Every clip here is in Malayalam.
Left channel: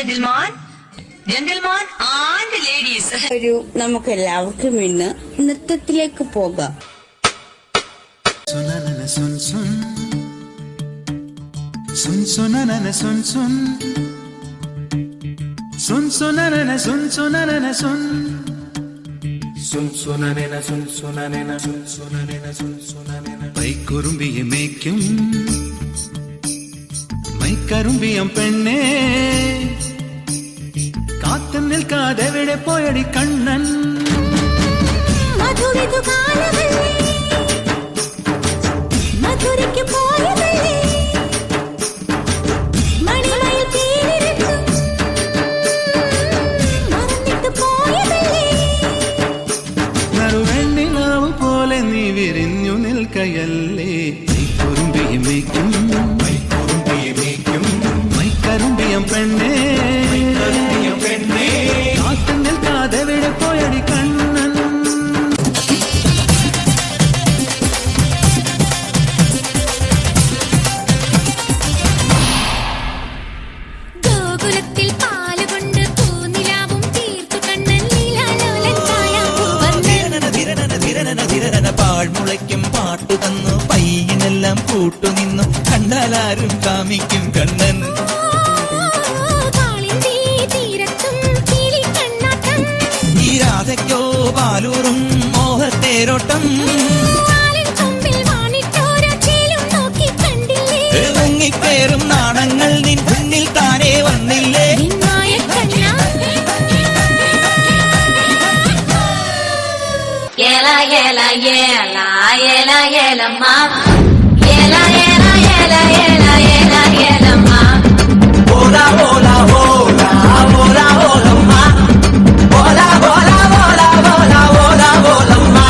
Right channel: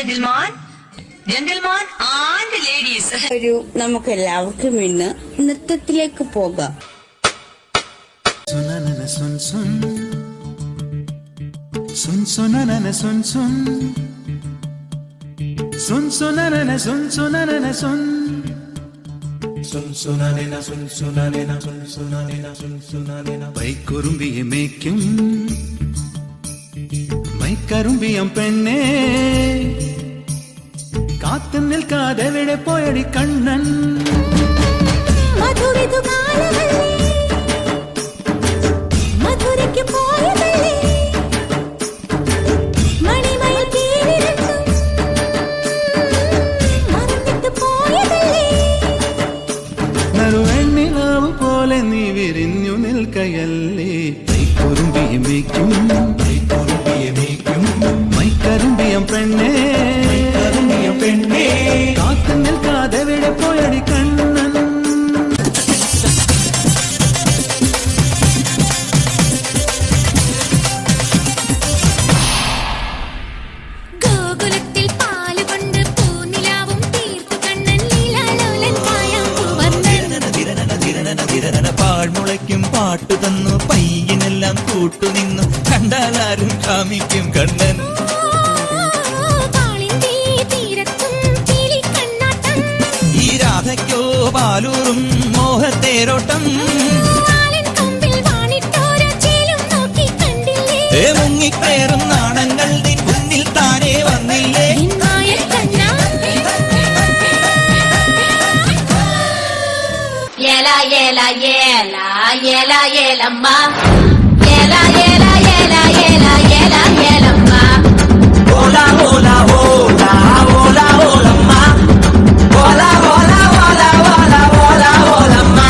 gentlemen, gentlemen and ladies. ഒരു നമുക്ക് എല്ലാവർക്കും ഇന്ന് നൃത്തത്തിലേക്ക് പോകാം. സുനനന സുൻ സുൻ സുൻ സുനനന സുൻ സുൻ സുൻ സുനനന സുൻ സുനനന സുൻ സുൻ സുനനന സുൻ സുനനന സുൻ സുനനന സുൻ സുനനന പൈക്കുറുമ്പിയെ മേയ്ക്കും മൈക്കറുമ്പിയം പെണ്ണേ കാത്തു നിൽക്കാതെ എവിടെ പോയടി കണ്ണൻ മധുരയ്ക്ക് പോയതല്ലേ മണിമയിൽ പേരിരണ്ടും മറന്നിട്ട് പോയതല്ലേ നറുവെണ്ണിലാവ് പോലെ നീ വിരിഞ്ഞു നിൽക്കയല്ലേ പൈക്കുറുമ്പിയെ മേയ്ക്കും മൈക്കറുമ്പിയം പെണ്ണേ കാത്തു നിൽക്കാതെ എവിടെ പോയടി കണ്ണൻ പാഴ്മുളയ്ക്കും പാട്ടു തന്നു പയ്യനെല്ലാം കൂട്ടുനിന്നു കണ്ടാലാരും കാമിക്കും കണ്ണൻ ഈ രാധയ്ക്കോ ബാലൂറും മോഹത്തേരോട്ടം മുങ്ങിപ്പേറും നാണങ്ങൾ നിൻ മുന്നിൽ താനേ വന്നില്ലേ Yela yela yela yela yela ma yela yela yela yela yela yela ma hola hola hola hola hola ma hola hola hola hola hola hola ma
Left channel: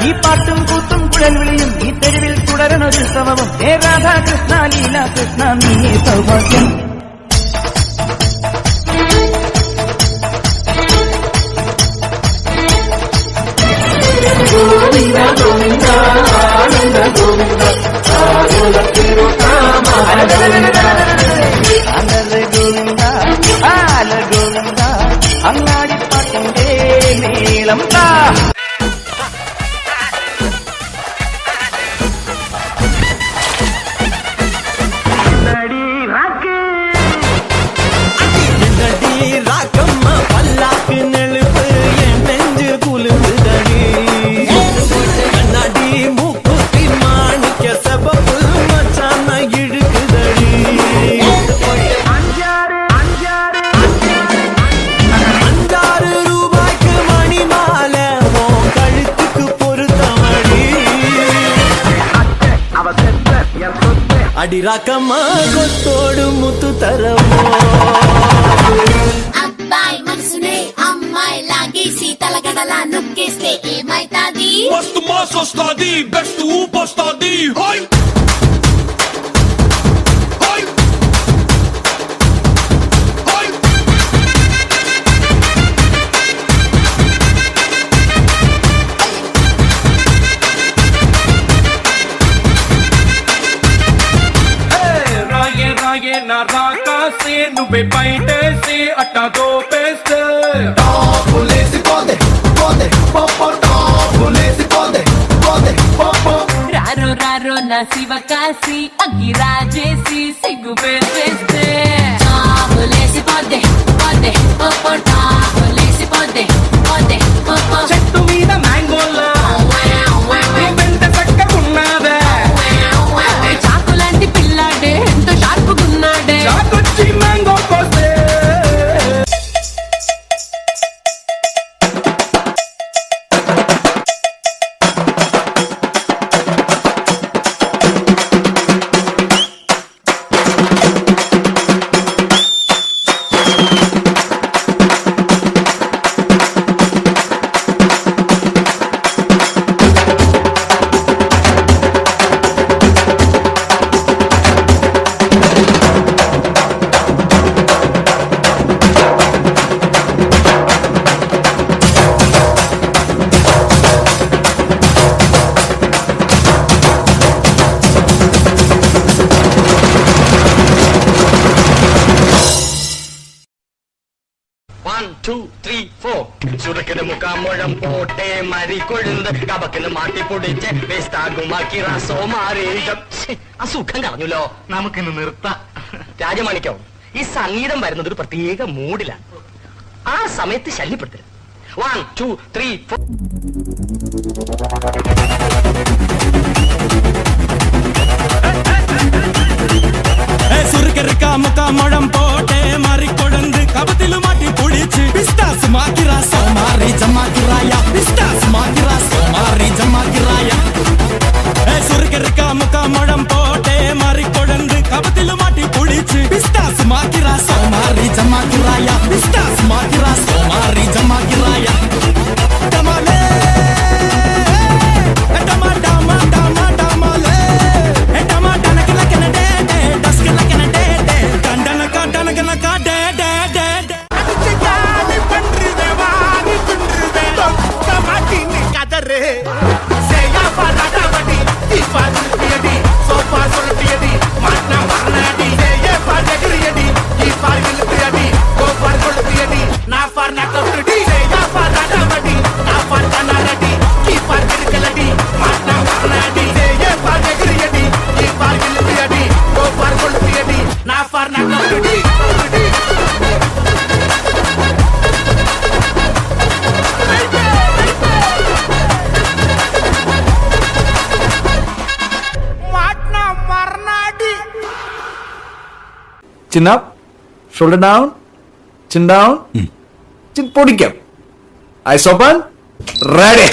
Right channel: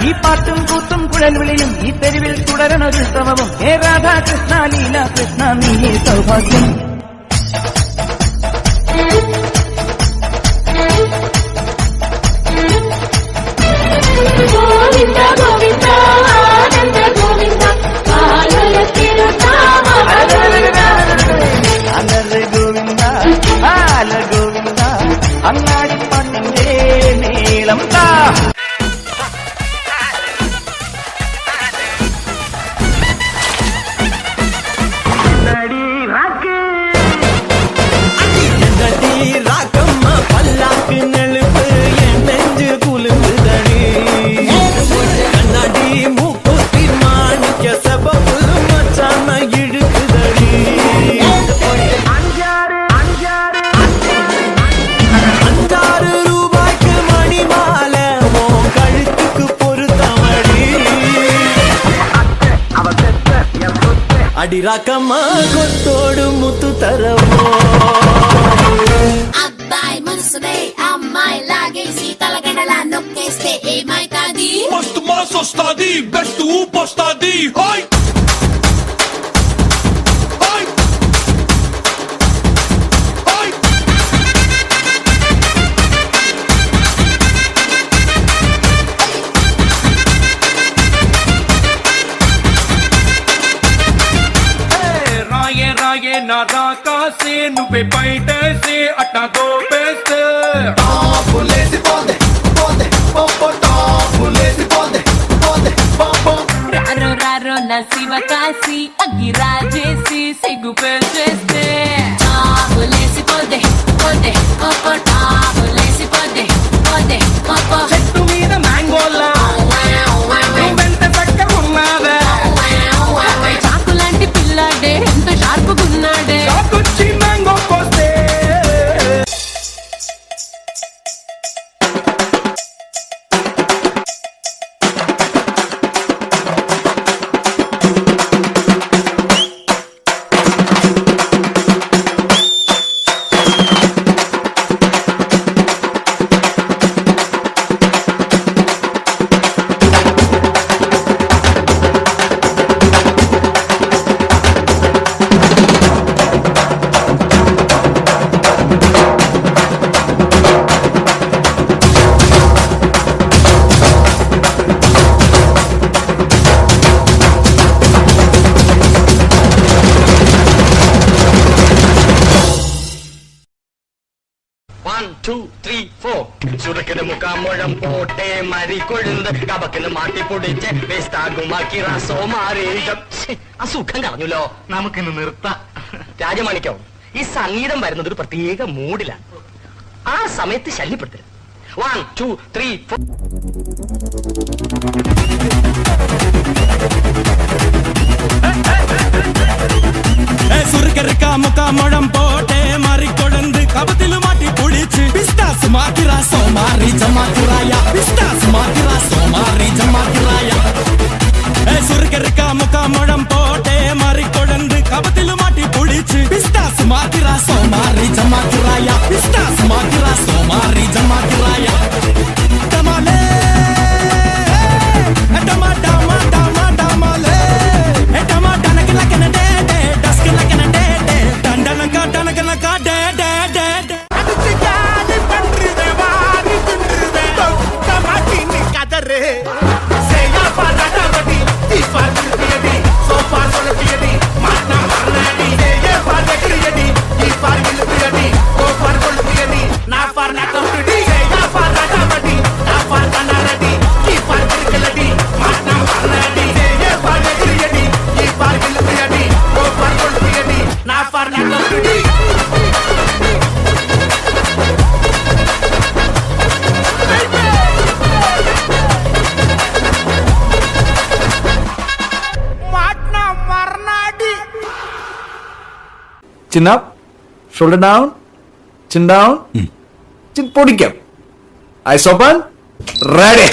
ഈ പാട്ടും കൂത്തും കുഴൽ വിളിയും ഈ തെരുവിൽ തുടരണൊരുത്സവവും ഹേ രാധാകൃഷ്ണ ലീല കൃഷ്ണ നീയേ സൗഭാഗ്യം അലര ഗോവിന്ദ ആല ഗോവിന്ദ അങ്ങാടിപ്പാട്ടിന്റെ നീളം താ ராக்கம்மா பல்லாக்கு நெழுப்பு என் நெஞ்சு குலுங்குதடி கண்ணாடி மூக்குத்தி மாணிக்க செபப்பு மச்சான இழுக்குதடி அஞ்சாறு ரூபாய்க்கு மணி மாலை உன் கழுத்துக்கு பொருத்தமடி அடி ராக்கம்மா கொத்தோடு முத்து தரமோ Basta masa stadi, beste upa stadi, hoi! Hoi! Hoi! రాయే రాయే నా రాకాసే నువ్వే బయటేసే అట్టా దోపేస్తే టాపులేసి పోదే పోదే పాప టాపులేసి పోదే పోదే పాప రారో రారో నా శివకాశి అగ్గిరాజేసి సిగ్గు పెట్టేస్తే టాబులేసి పోదే పోదే పోపో టాబులేసి పోదే పోదే పోపో చెట్టు మీద మ్యాంగోలా వెంట చక్క ఉన్నదే చాకు లాంటి పిల్లాడే ఎంత షార్పుగున్నాడే చాకొచ్చి మ్యాంగో కోస్తే 2 3 4 ചുരുക്കിന് മുക്കാമുഴം പോട്ടെ മരി കൊഴുന്ത് കബക്കിന് മാട്ടി പൊടിച്ച് വേസ്താകുമാക്കി റസോ മാറി ആ സുഖം കളഞ്ഞല്ലോ. നമുക്കിന്ന് നിർത്താം. രാജമാണിക്കോ, ഈ സംഗീതം വരുന്നത് ഒരു പ്രത്യേക മൂഡിലാണ്. ആ സമയത്ത് ശല്യപ്പെടുത്തരുത്. 1 2 3 4. சுருக்கருக்கா முக்கா முழம் போட்டே மாறி கொழுந்து கபத்திலும் மாட்டி புடிச்சு பிஸ்டாஸ் மாக்கிரா சோமாரி ஜமாக்கிராயா பிஸ்டாஸ் மாக்கிரா சோமாரி ஜமாக்கிராயா சுருக்கருக்கா முக்கா முழம் போட்டே மாறி கொழுந்து கபத்திலும் மாட்டி புடிச்சு பிஸ்டாஸ் மாக்கிரா சோமாரி ஜமாக்கிராயா பிஸ்டாஸ் மாக்கிரா சோமாரி ஜமாக்கிராயா டமாலே டமா டமா டமா டமாலே டமா டனக்கு லக்கன டே டே டஸ்க் லக்கன டே டே டண்டனக்கா டனகனக்கா டே டே டே டே அடிச்சு காலி பண்றதே வாரி துண்டுதே தொக்க மாட்டின்னு கதறு செய்யா பாராடாவடி தீபார் திருப்பியடி சோபார் சொல்லட்டியடி மாட்னா மரணாடி செய்ய பார் எகிரியடி தீபார் இழுத்தியடி கோபார் கொளுத்தியடி நான் பார் நக்கப்டி செய்யா பாராடாவடி நான் பார் கனரடி தீபார் கிறுக்கலடி மாட்னா மரணாடி செய்ய பார் எகிரியடி தீபார் இழுத்தியடி கோபார் கொளுத்தியடி நான் பார் நக்கப்டி Chin up, shoulder down, chin down, chin പൊടിക്കാം. Eyes open, ready.